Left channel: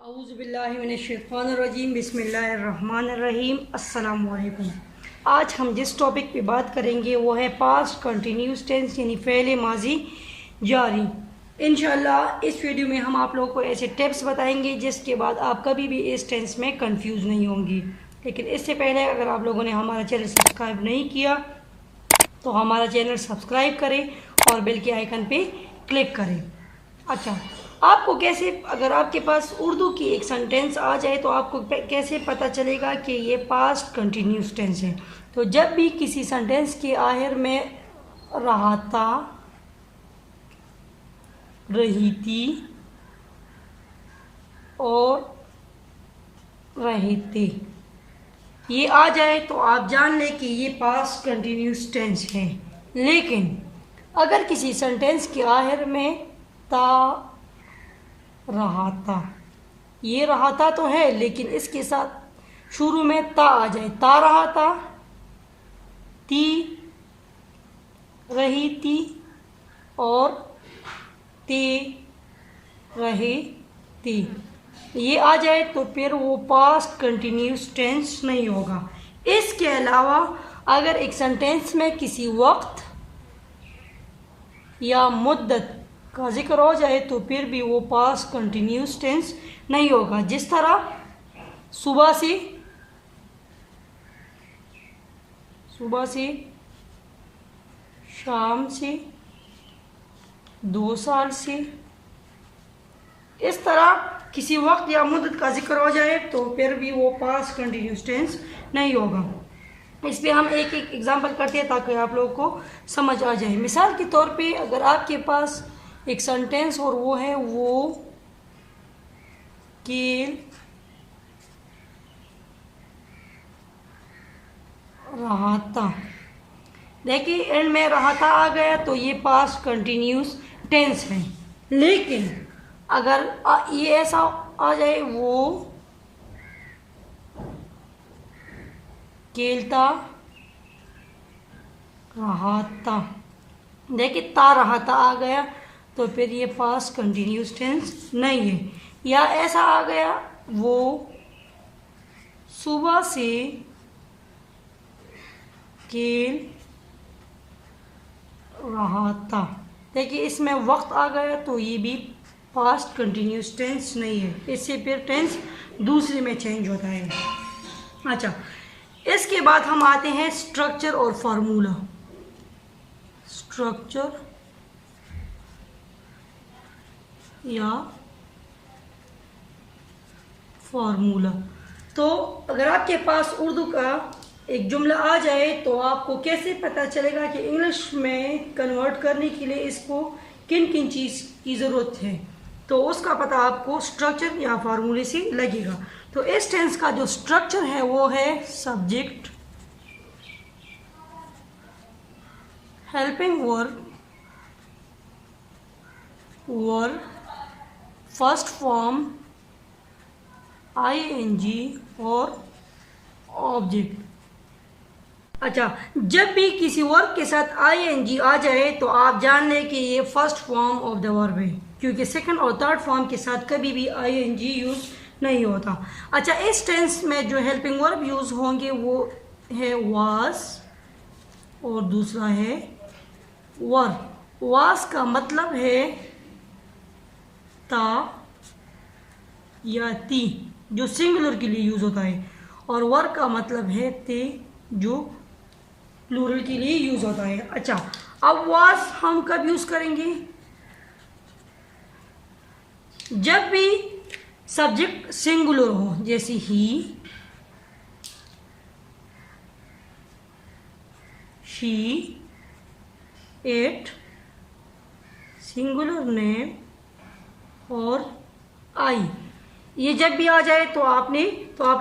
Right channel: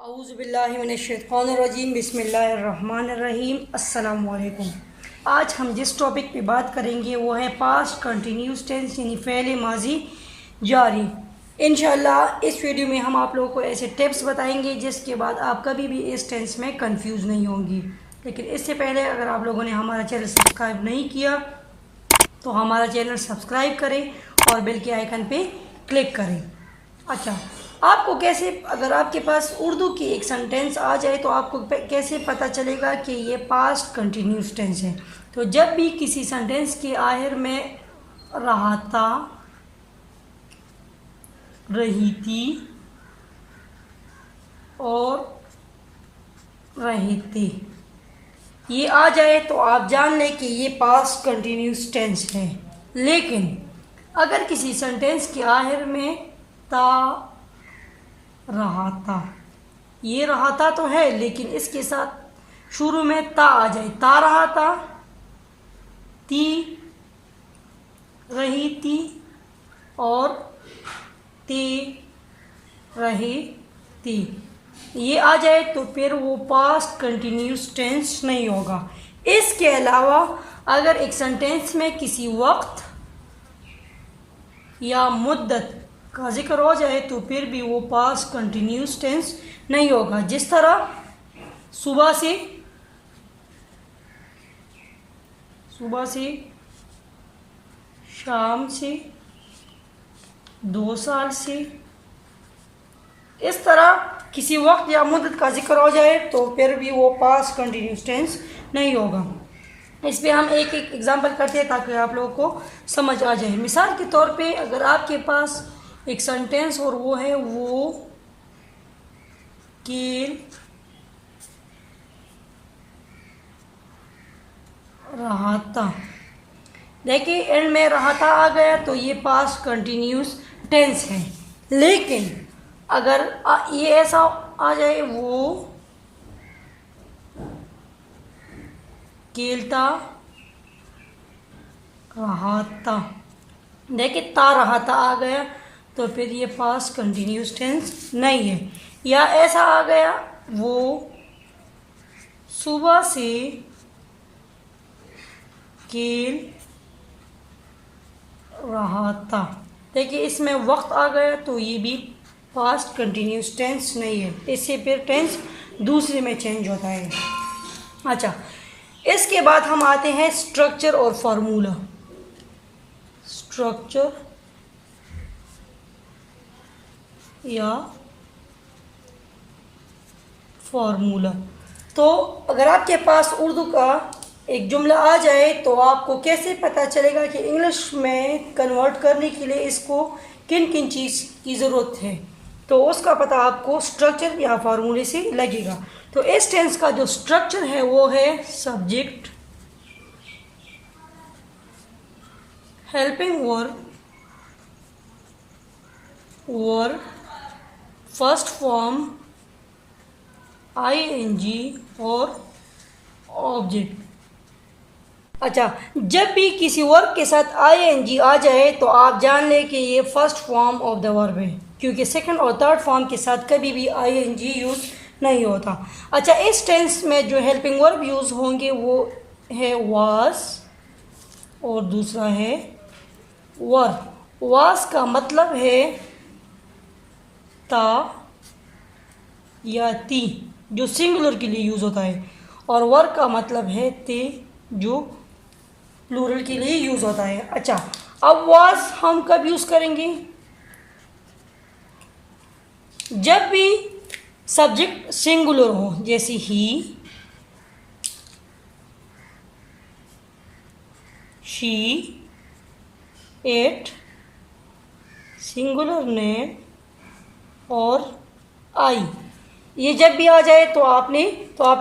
औज़ुबिल्लाहिमिनश्शैतानिर्रजीम बिस्मिल्लाहिर्रहमानिर्रहीम अस्सलाम वालेकुम। आज हम जिस टॉपिक पे बात करेंगे वो है पास्ट कंटिन्यूस टेंस यानी फ़ेल माजी जारी। इंशाल्लाह इस वीडियो में हम आप लोगों को ऐसे टिप्स बताएंगे जिसके बाद आप कभी भी इस टेंस में कंफ्यूज नहीं होंगी। लेकिन इससे पहले अगर आप लोगों ने हमारा चैनल सब्सक्राइब नहीं किया तो हमारा चैनल सब्सक्राइब करें और बेल के आइकन पे क्लिक करें। अच्छा, आपको कैसे, अगर आपके पास उर्दू की एक सेंटेंस आ जाए तो आपको कैसे पता चलेगा कि ये पास्ट कंटिन्यूस टेंस है? तो जब भी किसी सेंटेंस के आखिर में रहा था, रही थी और रहे थे ये आ जाए तो आप जान लें कि ये पास्ट कंटिन्यूस टेंस है। लेकिन अगर किसी सेंटेंस के आखिर में था, रहा था, ये रहा था तो है लेकिन इसके साथ शुरू में ता आ जाए, ता रहा था, ती रही थी और ते रहे थे, ये आ जाए तो फिर वो पास्ट कंटिन्यूस टेंस नहीं होगा। इसके अलावा अगर एक सेंटेंस में किसी वक्त या मुद्दत का जिक्र हो जाए तो फिर भी वो पास्ट कंटिन्यूस टेंस नहीं होगा। जिस तरह सुबह से शाम से, 2 साल से, इस तरह किसी वक्त या मुद्दत का जिक्र हो जाए तो फिर भी वो पास्ट कंटिन्यूस टेंस नहीं होगा। इस पर हम एक एक एग्जांपल करते हैं ताकि आप लोगों को समझ आ जाए। मिसाल के तौर पे अगर आपके पास एक सेंटेंस और वो है वो खेल रहा था, देखिए एंड में रहा था आ गया तो ये पास्ट कंटिन्यूस टेंस है। लेकिन अगर ये ऐसा आ जाए वो खेलता रहा था, देखिए ता रहा था आ गया तो फिर ये पास्ट कंटिन्यूस टेंस नहीं है। या ऐसा आ गया वो सुबह से खेल रहा था, देखिए इसमें वक्त आ गया तो ये भी पास्ट कंटिन्यूस टेंस नहीं है, इससे फिर टेंस दूसरे में चेंज होता है। अच्छा, इसके बाद हम आते हैं स्ट्रक्चर और फार्मूला। स्ट्रक्चर या फार्मूला। तो अगर आपके पास उर्दू का एक जुमला आ जाए तो आपको कैसे पता चलेगा कि इंग्लिश में कन्वर्ट करने के लिए इसको किन किन चीज़ की ज़रूरत है, तो उसका पता आपको स्ट्रक्चर या फार्मूले से लगेगा। तो इस टेंस का जो स्ट्रक्चर है वो है subject, helping verb, verb, first form, ING और ऑब्जेक्ट। अच्छा, जब भी किसी वर्ब के साथ आईएनजी आ जाए तो आप जान लें कि ये first form of the verb है, क्योंकि सेकंड और थर्ड फॉर्म के साथ कभी भी आईएनजी यूज़ नहीं होता। अच्छा, इस टेंस में जो हेल्पिंग वर्ब यूज़ होंगे वो है वाज और दूसरा है वर। वाज का मतलब है ता या ती जो सिंगुलर के लिए यूज़ होता है, और वर का मतलब है ते जो प्लूरल के लिए यूज़ होता है। अच्छा, अब वाज हम कब यूज़ करेंगे? जब भी सब्जेक्ट सिंगुलर हो, जैसे ही, शी, इट, सिंगुलर नेम और आई, ये जब भी आ जाए तो आप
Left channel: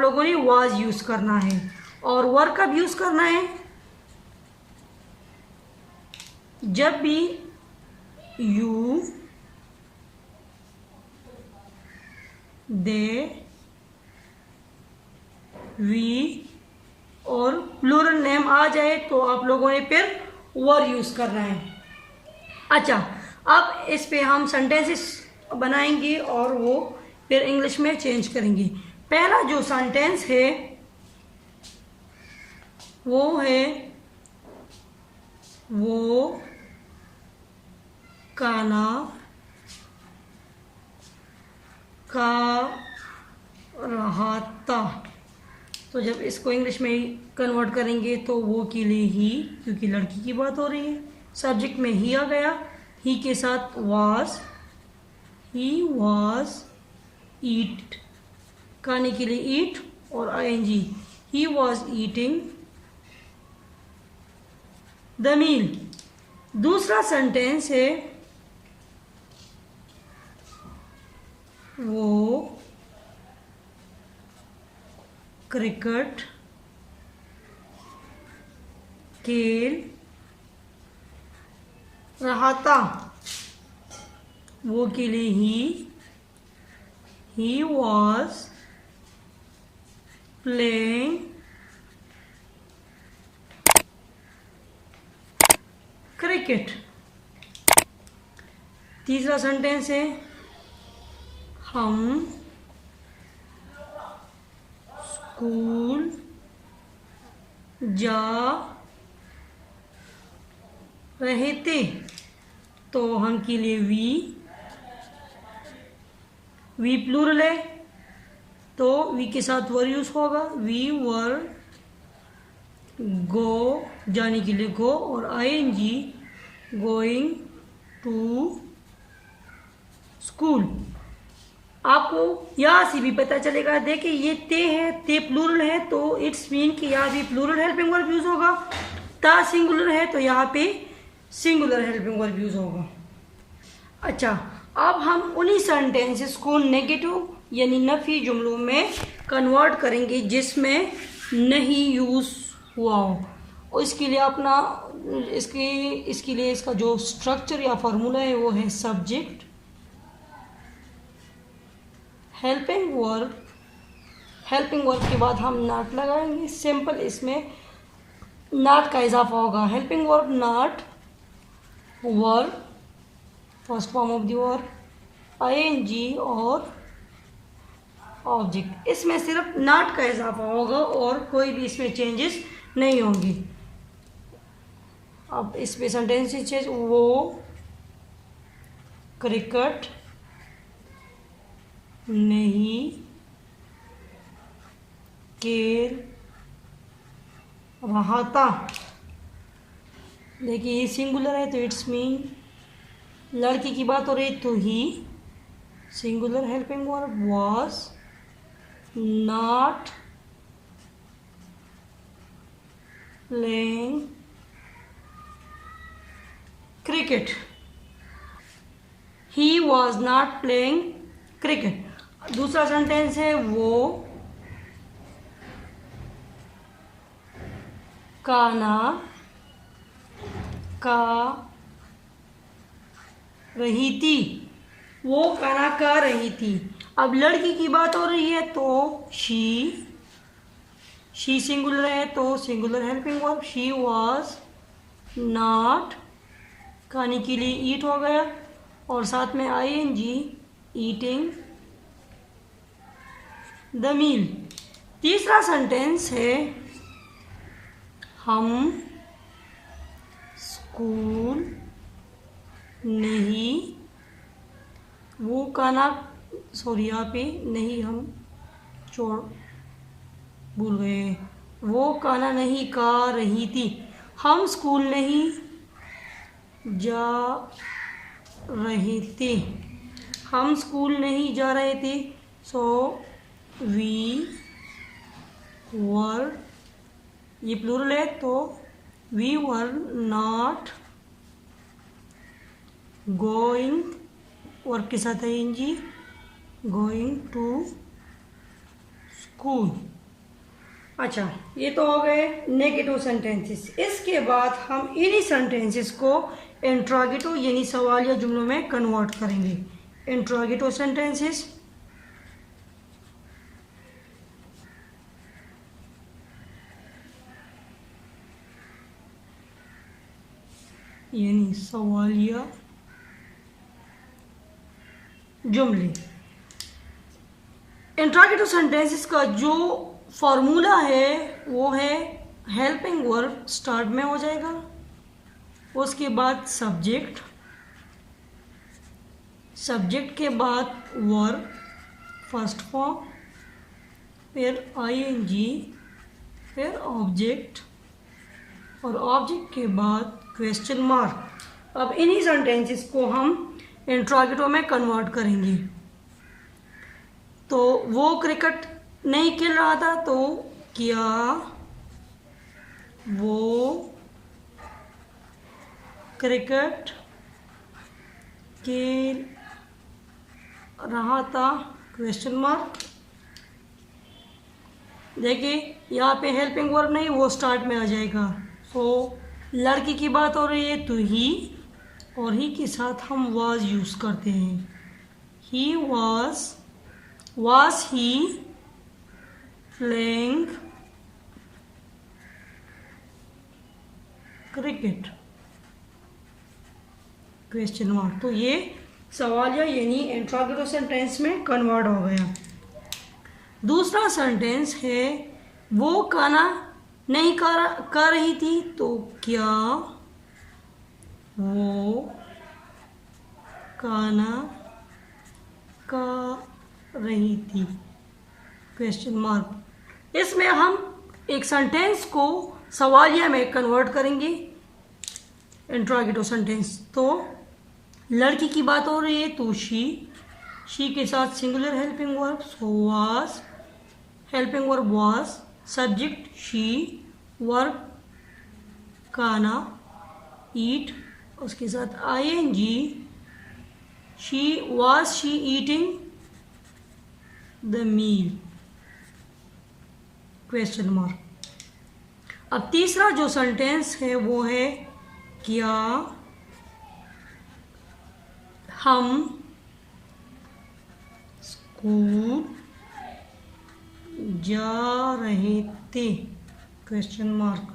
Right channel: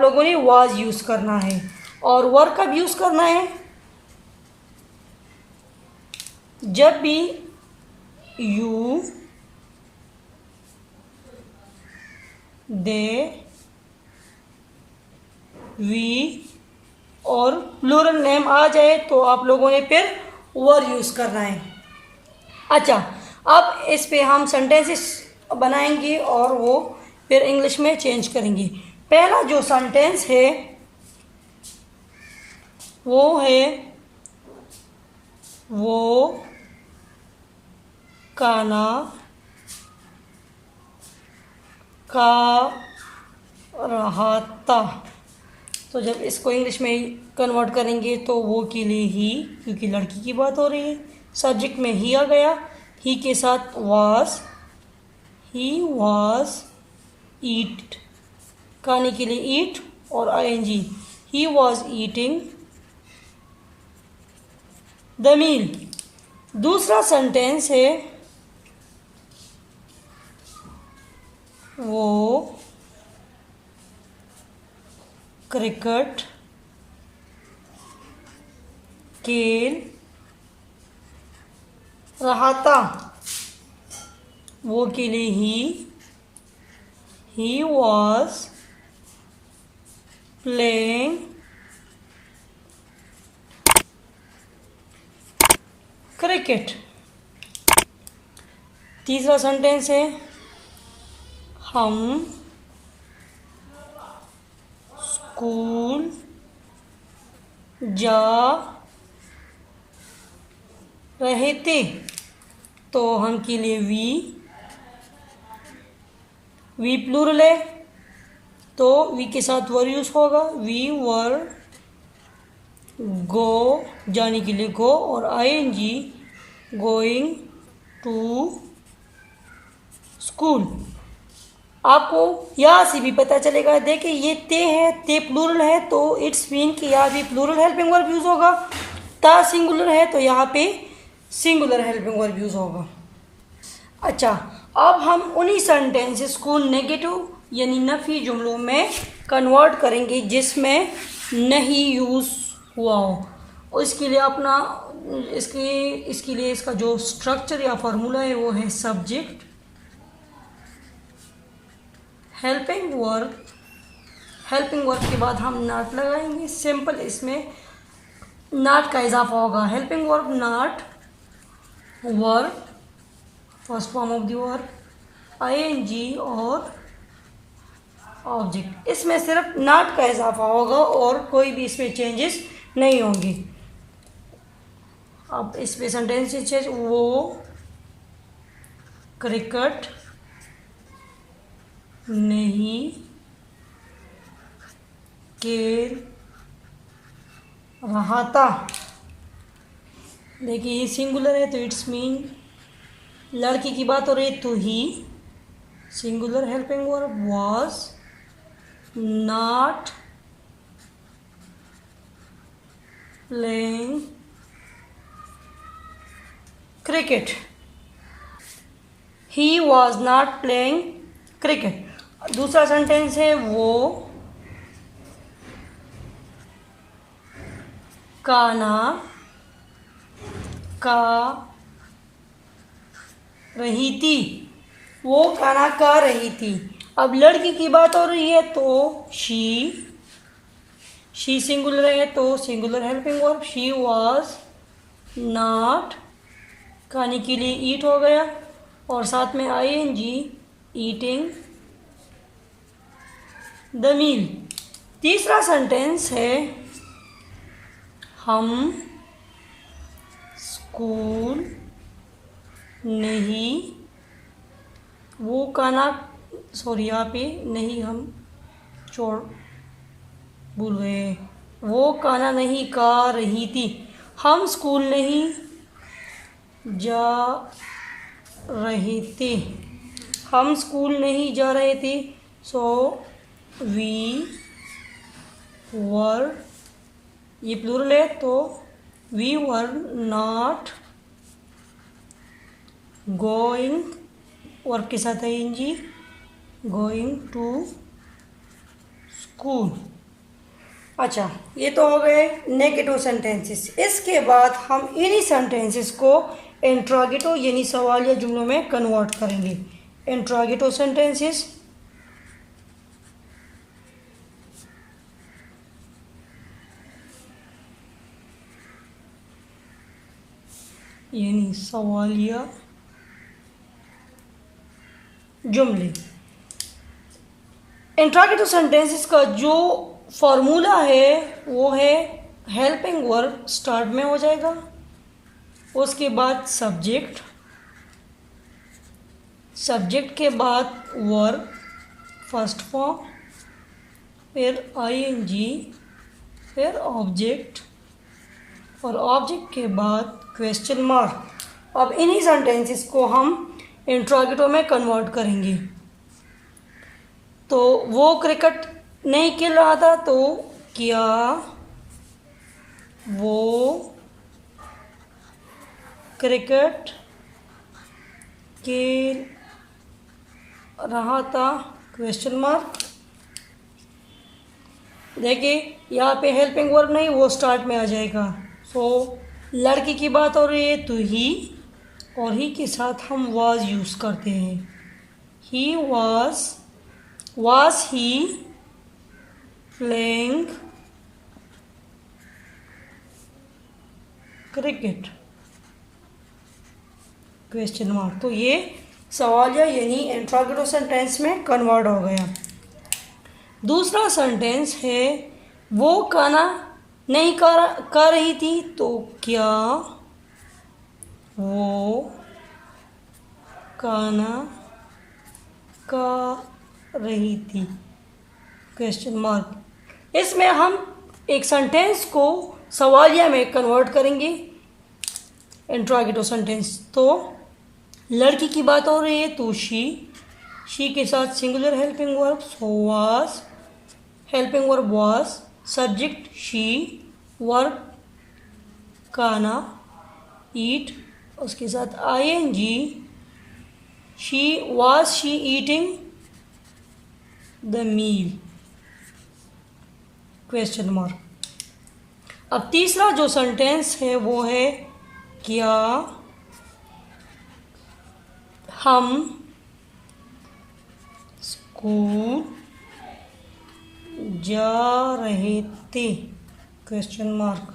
लोगों ने वाज यूज़ करना है। और वर कब यूज़ करना है? जब भी यू, दे, वी और प्लूरल नेम आ जाए तो आप लोगों ने फिर वर यूज़ करना है। अच्छा, अब इस पे हम सेंटेंसेस बनाएंगे और वो फिर इंग्लिश में चेंज करेंगे। पहला जो सेंटेंस है वो है वो खाना खा रहा था। तो जब इसको इंग्लिश में कन्वर्ट करेंगे तो वो के लिए ही, क्योंकि लड़की की बात हो रही है, सब्जेक्ट में ही आ गया, ही के साथ वाज, ही वाज ईट, खाने के लिए ईट और ING, he was eating the meal. दूसरा सेंटेंस है वो क्रिकेट खेल रहा था। वो के लिए ही वॉज प्लेइंग क्रिकेट। तीसरा सेंटेंस है हम स्कूल जा रहे थे। तो हम के लिए वी प्लूरल है तो वी के साथ वर यूज होगा, वी वर गो जाने के लिए गो और आईएनजी गोइंग टू स्कूल। आपको यहाँ से भी पता चलेगा, देखिए ये ते है, ते प्लूरल है तो इट्स मीन कि यहाँ भी प्लूरल हेल्पिंग वर्ब यूज होगा। ता सिंगुलर है तो यहाँ पे सिंगुलर हेल्पिंग वर्ब यूज होगा। अच्छा, अब हम उन्हीं सेंटेंसेस को नेगेटिव यानी नफी जुमलों में कन्वर्ट करेंगे जिसमें नहीं यूज हुआ हो। और इसके लिए अपना इसके लिए इसका जो स्ट्रक्चर या फार्मूला है वो है सब्जेक्ट, हेल्पिंग वर्ब के बाद हम नॉट लगाएंगे। सिंपल इसमें नॉट का इजाफा होगा। Helping verb not, verb first form of the verb, ING और ऑब्जेक्ट। इसमें सिर्फ नॉट का इजाफा होगा और कोई भी इसमें चेंजेस नहीं होंगी। अब इसमें सेंटेंस चेंज, वो क्रिकेट नहीं खेल रहा था। देखिए ये सिंगुलर है तो इट्स मीन लड़की की बात हो रही तो he, singular helping verb was not playing cricket, he was not playing cricket. दूसरा सेंटेंस है वो खाना खा रही थी। वो खाना खा रही थी। अब लड़की की बात हो रही है तो शी सिंगुलर है तो singular helping verb, she was not, खाने के लिए ईट हो गया और साथ में आईएनजी ईटिंग द मील। तीसरा सेंटेंस है हम स्कूल नहीं, वो खाना यहाँ पे नहीं, हम भूल गए, वो खाना नहीं खा रही थी। हम स्कूल नहीं जा रहे थे, हम स्कूल नहीं जा रहे थे। सो वी वर, ये प्लूरल है तो we were not going, verb के साथ है एनजी, गोइंग टू स्कूल। अच्छा, ये तो हो गए नेगेटिव सेंटेंसेस। इसके बाद हम इन्हीं सेंटेंसेस को इंट्रोगेटिव यानी सवालिया जुमलों में कन्वर्ट करेंगे। इंट्रोगेटिव सेंटेंसेस यानी सवालिया जुमले। इंट्रोगेटिव सेंटेंसेस का जो फॉर्मूला है वो है हेल्पिंग वर्ब स्टार्ट में हो जाएगा, उसके बाद सब्जेक्ट, सब्जेक्ट के बाद वर्ब फर्स्ट फॉर्म, फिर आईएनजी, फिर ऑब्जेक्ट और ऑब्जेक्ट के बाद क्वेश्चन मार्क। अब इन्हीं सेंटेंसेस को हम इंट्रोगेटिव में कन्वर्ट करेंगे। तो वो क्रिकेट नहीं खेल रहा था, तो क्या वो क्रिकेट खेल रहा था, क्वेश्चन मार्क। देखिए यहाँ पे हेल्पिंग वर्ब नहीं, वो स्टार्ट में आ जाएगा। सो लड़की की बात हो रही है तो ही, और ही के साथ हम वाज यूज़ करते हैं। He was he playing cricket, question mark. तो ये सवालिया यानी इंट्रोगेटिव सेंटेंस में कन्वर्ट हो गया। दूसरा सेंटेंस है वो खाना नहीं कर रही थी, तो क्या वो खाना खा रही थी, क्वेश्चन मार्क। इसमें हम एक सेंटेंस को सवालिया में कन्वर्ट करेंगे, इंट्रोगेटिव सेंटेंस। तो लड़की की बात हो रही है तो शी के साथ singular helping verb, so was, helping verb was, subject she, verb खाना ईट, उसके साथ ING, she eating the meal, question mark. अब तीसरा जो सेंटेंस है वो है क्या हम स्कूल जा रहे थे, question mark.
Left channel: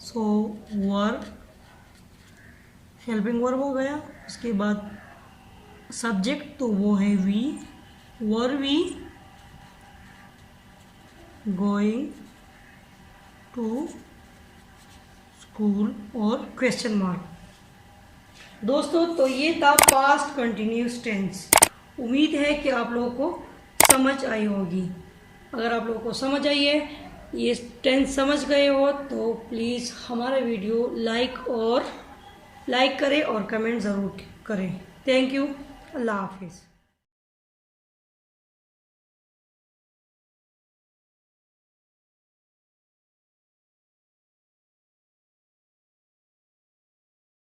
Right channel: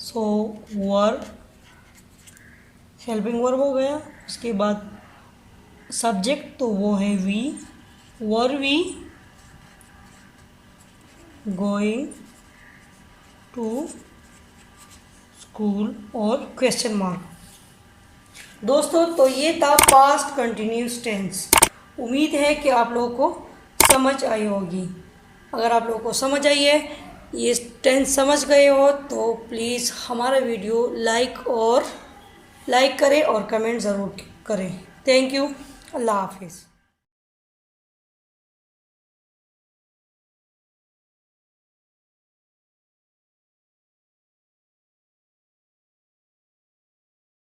So verb helping verb हो गया, उसके बाद सब्जेक्ट तो वो है we, were we going to school और क्वेश्चन मार्क। दोस्तों तो ये था पास्ट कंटिन्यूस टेंस। उम्मीद है कि आप लोगों को समझ आई होगी। अगर आप लोगों को समझ आई है, ये टेंस समझ गए हो, तो प्लीज़ हमारा वीडियो लाइक करें और कमेंट ज़रूर करें। Thank you. अल्लाह हाफिज़।